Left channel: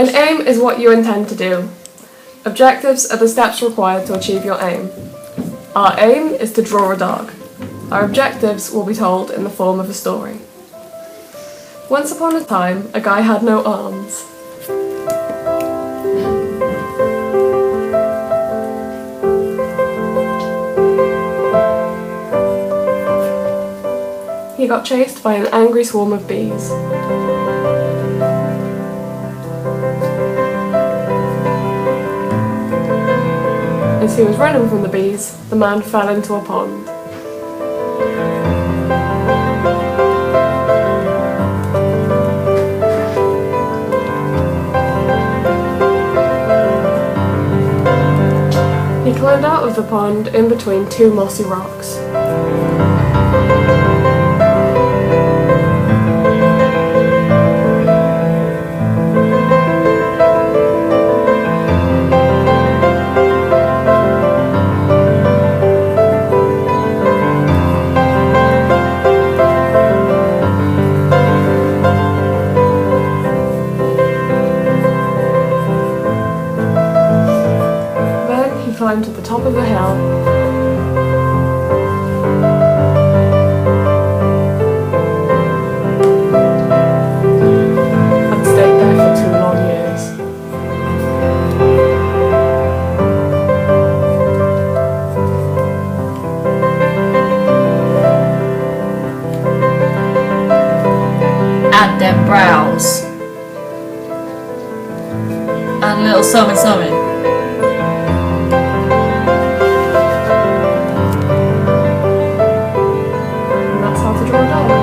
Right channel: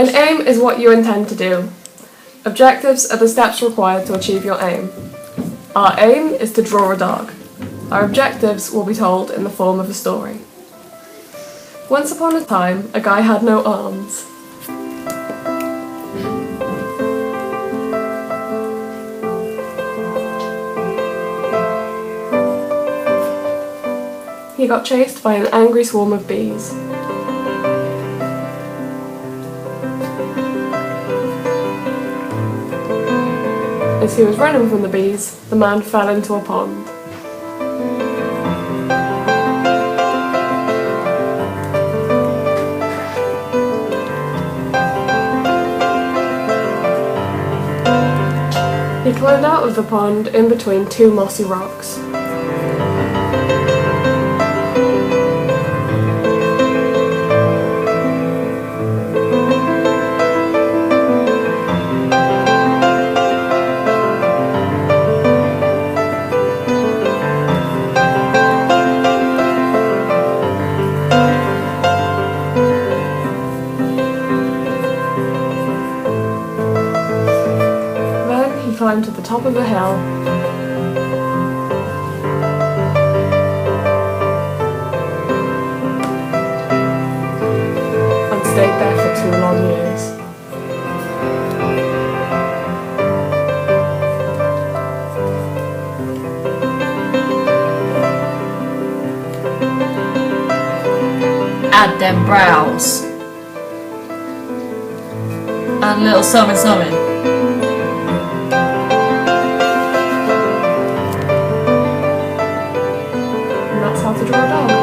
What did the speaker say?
An aim is what you intend to do. Objectives are the steps required to achieve your aim. Our aim is to draw a dog. Our objectives will be told in the form of a story. Once upon a time, a guy had no arms. He got chased by an angry swarm of bees. As he was running from the bees, the man fell into a pond. He climbed out of the pond in between two mossy rocks. He climbed to the top of a hill and stayed there for 2 long years. Add them brows and little something. And that's how to draw a dog.